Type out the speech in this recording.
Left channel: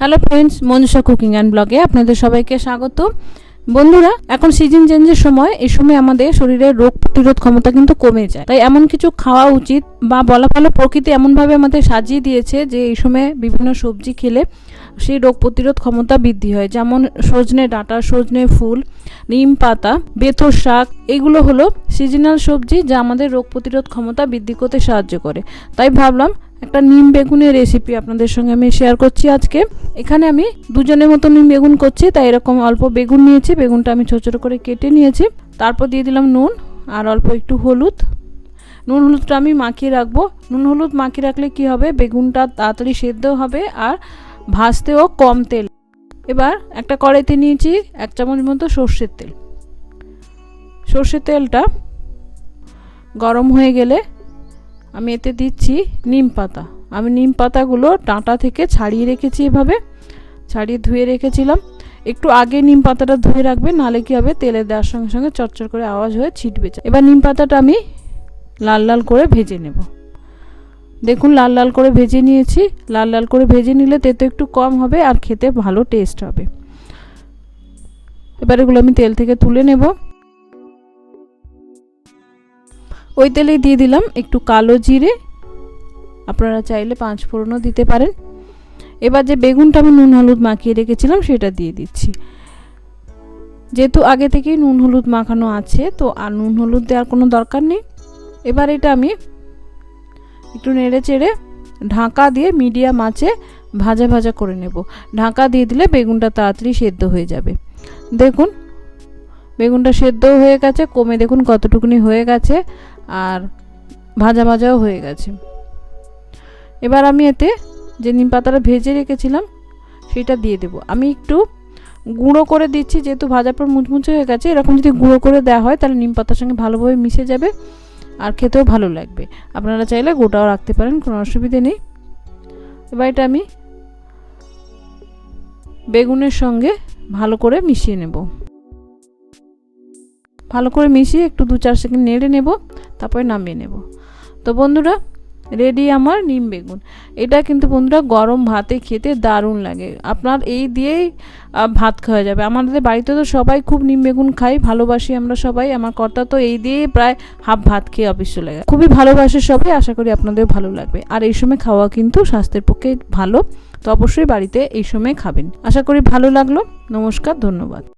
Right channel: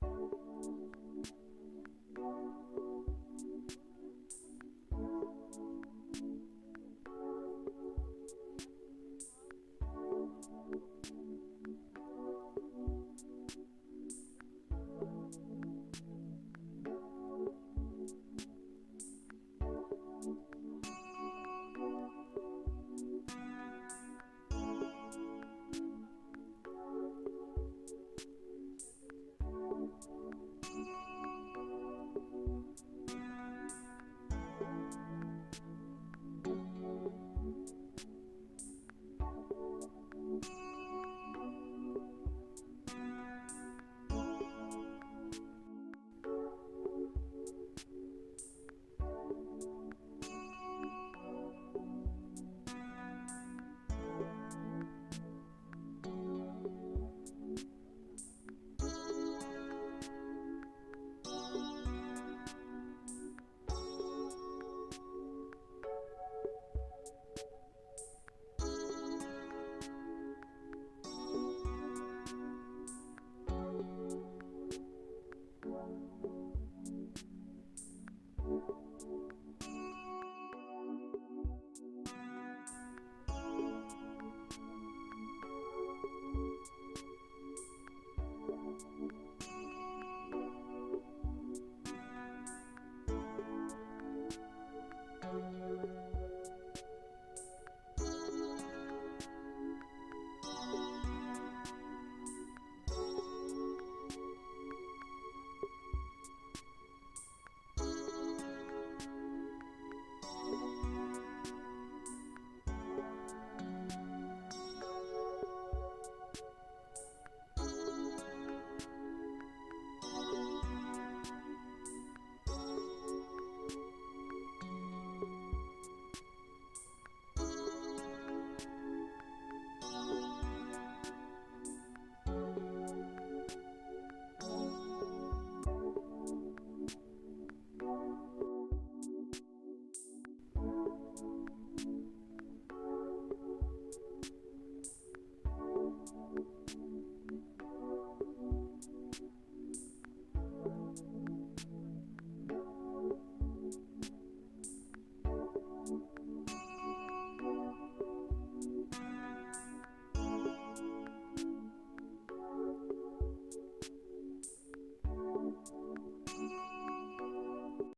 Hello friends Manisha cooking and ব্লগে আপনাদের সবাইকে স্বাগত। বন্ধুরা, এখন সিজন চেঞ্জের সময়, এই সময় আমাদের শরীরের রোগ প্রতিরোধ ক্ষমতা কিন্তু কমে যায়। তাই এমন কিছু খাওয়া উচিত বা বলা ভালো প্রকৃতি এমনভাবে আমাদের সাজিয়ে দিয়েছে যে এই সময় বিভিন্ন সবজি খেলে সেই রোগ প্রতিরোধ ক্ষমতা বৃদ্ধি হয়। যেমন সজনে ডাঁটা, সজনে ফুল, নিম পাতা, বেথর শাক, এগুলো হলো সিজনাল সবজি যা আমাদের রোগ প্রতিরোধ ক্ষমতা বৃদ্ধি করতে সাহায্য করে। তাই ভাবলাম একটা নিম বেগুনের রেসিপি আপনাদের সঙ্গে আমি শেয়ার করছি আজকে। এখানে আমি দুজনের মতো নিম বেগুন করছি, তাই এরকম অল্প বেগুন নিয়েছি, বেগুনটা আমি ছোটো ছোটো করে কেটে নিয়েছি। তারপর দিয়ে দিলাম নুন আর অল্প একটু হলুদ। নুন হলুদটা আমি মাখিয়ে রাখব। নুন হলুদ মাখিয়ে রাখলে কি হবে? বেগুনটা তাড়াতাড়ি সেদ্ধ হবে আর ভাজতেও কম তেল। এবার একটা কড়াইতে নিয়েছি এক চামচ মতো সর্ষের তেল। সর্ষের তেলটা গরম হয়ে গেলে আমি এতে দিচ্ছি নিম পাতা। আমি নিম পাতাগুলো ডাঁটা থেকে ছাড়িয়ে রেখেছি এভাবে, ছাড়িয়ে ধুয়ে রেখেছিলাম। একটু আগে নিম পাতাটা ধুয়ে রাখবে নাহলে কী হবে, তেলে দেওয়ার সঙ্গে সঙ্গে চটচট করে আওয়াজ হয়ে ছিটবে এবার নিম পাতাটা আমি লাল লাল করে ভেজে নেব। দেখুন, লাল লাল করে ভেজে নিয়েছি। লাল লাল করে ভেজে নিলে তেতো একটু কম হবে আর খেতে ভালো টেস্ট হবে। এবার এগুলো আমি তেল থেকে তুলে নেব। ওই তেলেই দিয়ে দিলাম একটু কালো জিরে। আপনারা চাইলে পাঁচ ফোড়নও দিতে পারেন। এবার যে বেগুনটা আমি নুন হলুদ মাখিয়ে রেখেছিলাম, সেটা দিয়ে দিচ্ছি। যেহেতু আগে থেকেই নুন হলুদ মাখানো আছে, তো আর নুন হলুদ দেওয়ার কোনো দরকার নেই। এবার এটা আমি একটু নেড়ে চেড়ে ঢাকা দিয়ে মিডিয়াম আঁচে ভাজা ভাজা করে নেব। ঢাকা দিয়ে দিলে বেগুনটা তাড়াতাড়ি সেদ্ধ হয়ে যাবে। দেখুন, বেগুনটা সেদ্ধ হয়ে গেছে, কমে দেখুন কতটুকুনি হয়ে গেছে। আর ভাজা ভাজাও হয়ে গেছে। এবার আমি এতে যে নিম পাতাটা ভেজে রেখেছিলাম, সেটা দিয়ে দেব। আমি একটু গুঁড়ো করে দিচ্ছি, যেহেতু ভাজার পর মুচমুচে হয়ে গেছে, এরকম যদি গুঁড়ো করে দেওয়া হয়, তাহলে নিম পাতার সঙ্গে ভালোভাবে মিশে যাবে আর খেতেও ভালো লাগবে। আপনারা চাইলে গোটাও রাখতে পারেন, কোনো অসুবিধে নেই। এবার এটা আমি বেগুনের সঙ্গে ভালো করে মিশিয়ে নেব। ভালো করে মিশিয়ে একটু দু চার সেকেন্ড নেড়ে নেব, তারপরে নামিয়ে নেব। তো বন্ধুরা রেডি আমার নিম বেগুন। এটা কিন্তু বন্ধুরা গরম ভাতে খেতে দারুণ লাগে। আপনার এই দিয়েই ভাত খাওয়া যাবে। আমাদের বাড়িতে তো সবাই খুব নিম বেগুন খাই ভালোবাসি আমরা সবাই। আমার কর্তা তো এই দিয়েই প্রায় হাফ ভাত খেয়ে চলে গেছে। খুবই ভালোবাসে সবাই, আশা করি আপনাদের ভালো লাগবে। আর এই সময় খাওয়া কিন্তু স্বাস্থ্যের পক্ষে ভালো। তো অবশ্যই বাড়িতে এই সময় খাবেন। আশা করি ভালো লাগল। নমস্কার, ধন্যবাদ।